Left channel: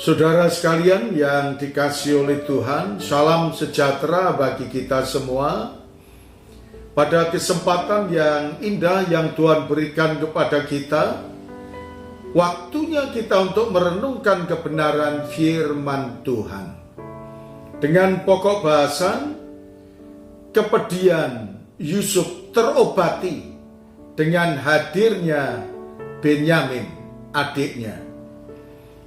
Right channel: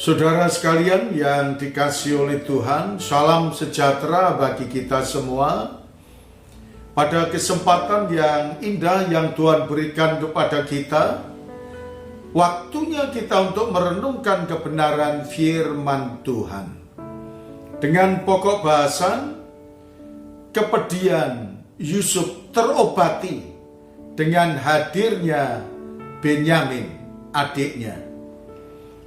Saudara sekalian yang dikasihi oleh Tuhan, salam sejahtera bagi kita semua. Pada kesempatan yang indah yang Tuhan berikan kepada kita, waktunya kita untuk merenungkan kebenaran firman Tuhan. Dengan pokok bahasan, kepedihan Yusuf terobati dengan hadirnya Benyamin, adiknya.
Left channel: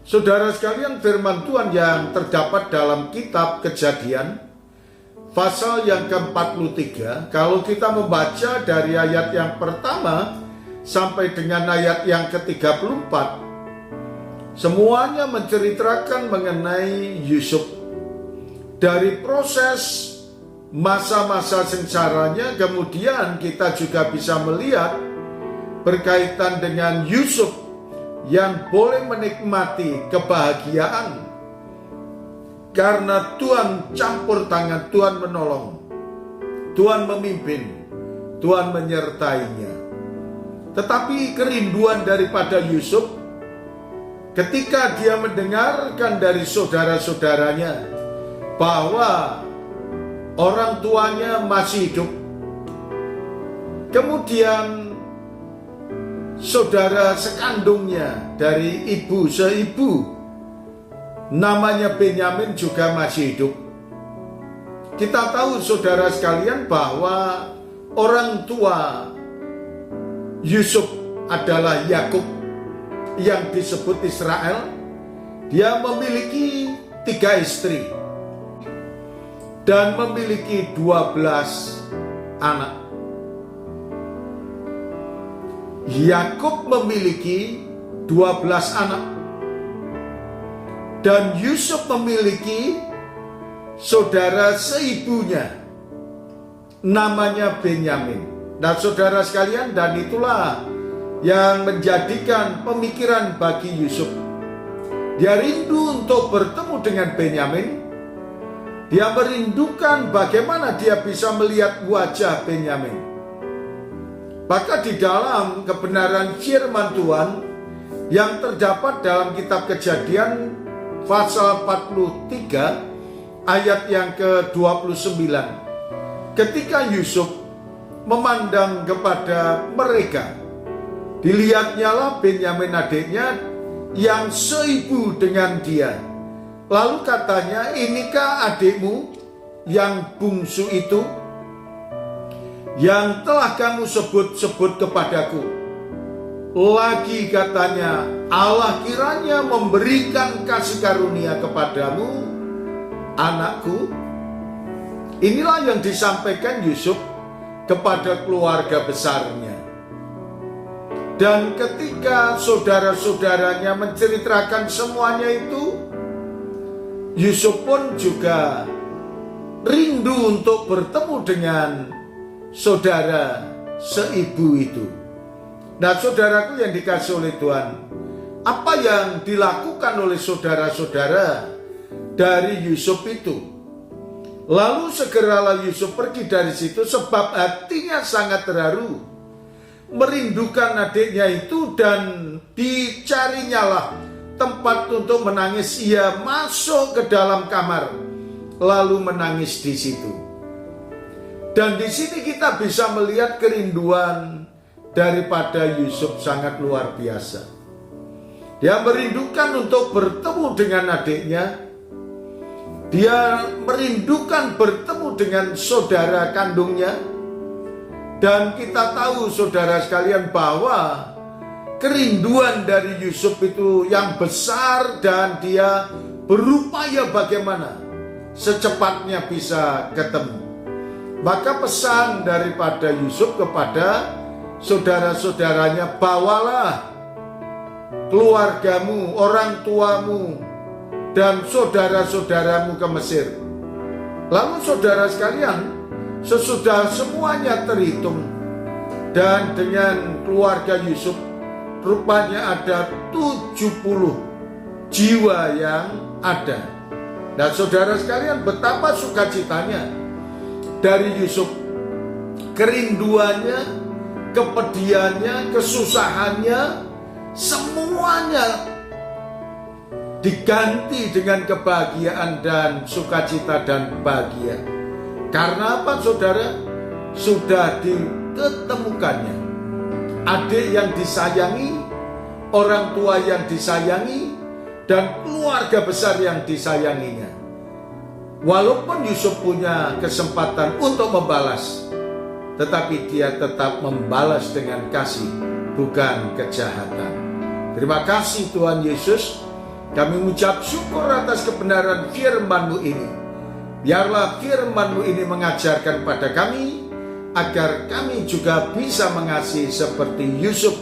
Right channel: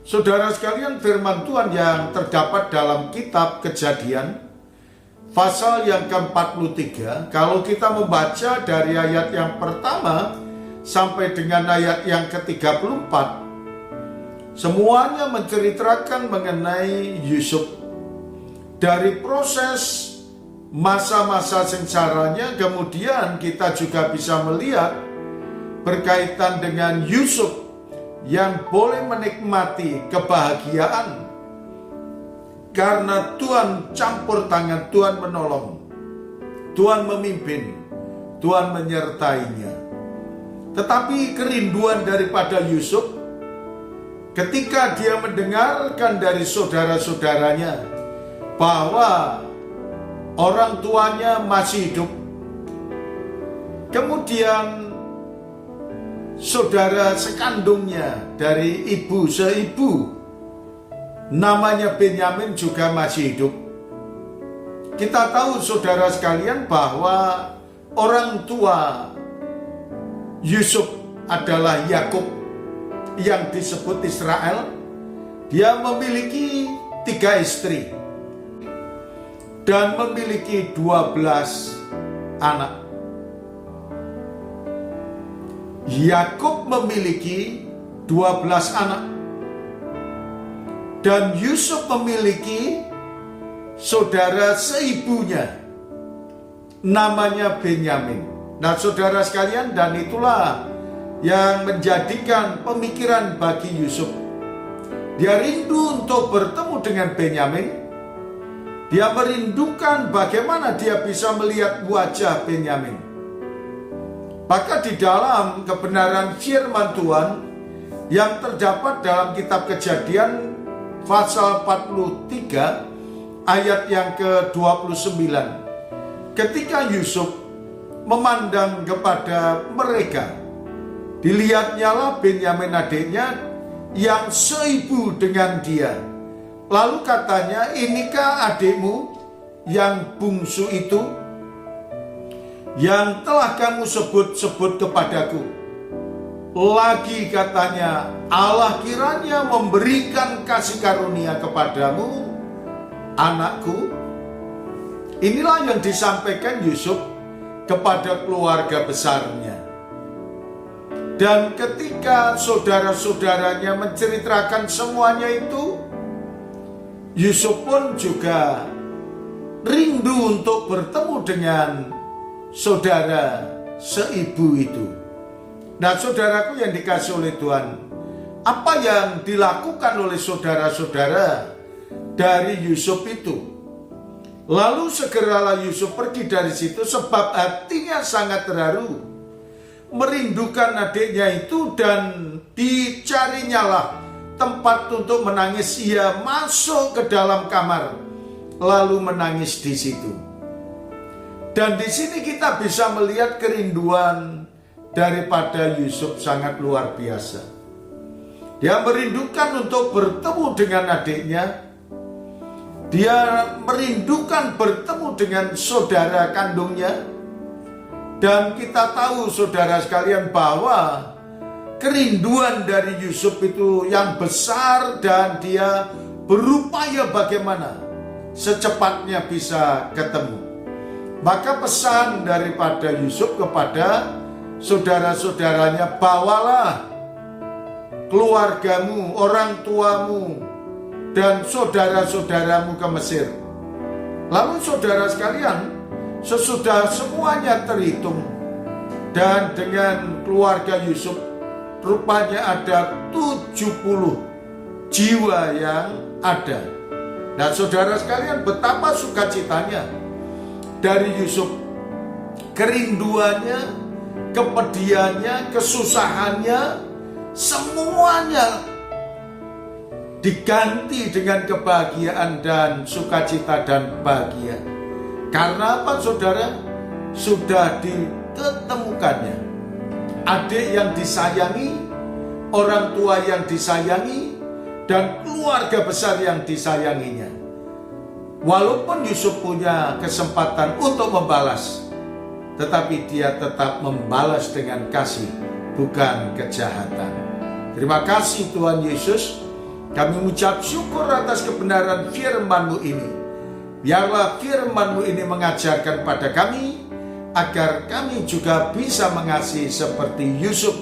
Saudara sekalian, firman Tuhan yang terdapat dalam kitab Kejadian pasal yang ke-43, kalau kita membaca dari ayat yang pertama sampai dengan ayat yang ke-34, semuanya menceritakan mengenai Yusuf. Dari proses masa-masa sengsaranya, kemudian kita juga bisa melihat berkaitan dengan Yusuf yang boleh menikmati kebahagiaan karena Tuhan campur tangan, Tuhan menolong, Tuhan memimpin, Tuhan menyertainya. Tetapi kerinduan daripada Yusuf ketika dia mendengarkan dari saudara-saudaranya bahwa orang tuanya masih hidup, kemudian saudara sekandungnya dari ibu seibu namanya Benyamin juga masih hidup. Kita tahu saudara sekalian bahwa orang tua Yusuf adalah Yakub yang disebut Israel. Dia memiliki 3 istri dan memiliki 12 anak. Yakub memiliki 12 anak dan Yusuf memiliki saudara seibunya namanya Benyamin. Nah saudara sekalian, dan itulah yang menjadikan pemikiran bagi Yusuf. Dia rindu untuk bertemu dengan Benyamin. Dia merindukan bagaimana dia bisa melihat wajah Benyamin. Maka di dalam kebenaran firman Tuhan yang terdapat dalam kitab Kejadian pasal 43 ayat yang ke-29, ketika Yusuf memandang kepada mereka, dilihatnyalah Benyamin adiknya yang seibu dengan dia. Lalu katanya, inikah adikmu yang bungsu itu, yang telah kamu sebut-sebut kepadaku? Lagi katanya, Allah kiranya memberikan kasih karunia kepadamu, anakku. Inilah yang disampaikan Yusuf kepada keluarga besarnya. Dan ketika saudara-saudaranya menceritakan semuanya itu, Yusuf pun juga rindu untuk bertemu dengan saudara seibu itu. Nah saudaraku yang dikasihi oleh Tuhan, apa yang dilakukan oleh saudara-saudara dari Yusuf itu? Lalu segeralah Yusuf pergi dari situ sebab hatinya sangat terharu, merindukan adiknya itu, dan dicarinyalah tempat untuk menangis. Ia masuk ke dalam kamar lalu menangis di situ. Dan di sini kita bisa melihat kerinduan daripada Yusuf sangat luar biasa. Dia merindukan untuk bertemu dengan adiknya. Dia merindukan bertemu dengan saudara kandungnya. Dan kita tahu saudara sekalian bahwa kerinduan dari Yusuf itu yang besar, dan dia berupaya bagaimana secepatnya bisa ketemu. Maka pesan daripada Yusuf kepada saudara-saudaranya, bawalah keluargamu, orang tuamu, dan saudara-saudaramu ke Mesir. Lalu saudara sekalian, sesudah semuanya terhitung, dan dengan keluarga Yusuf rupanya ada 70 jiwa yang ada. Nah saudara sekalian, betapa sukacitanya dari Yusuf, kerinduannya, kepedihannya, kesusahannya, semuanya diganti dengan kebahagiaan dan sukacita dan bahagia. Karena apa saudara? Sudah ditemukannya adik yang disayangi, orang tua yang disayangi, dan keluarga besar yang disayanginya. Walaupun Yusuf punya kesempatan untuk membalas, tetapi dia tetap membalas dengan kasih, bukan kejahatan. Terima kasih Tuhan Yesus. Kami mengucap syukur atas kebenaran firman-Mu ini. Biarlah firman-Mu ini mengajarkan pada kami, agar kami juga bisa mengasihi seperti Yusuf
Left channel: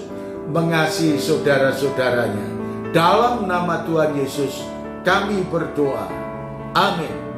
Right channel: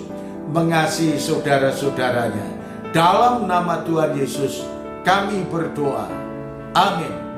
mengasihi saudara-saudaranya. Dalam nama Tuhan Yesus kami berdoa. Amin.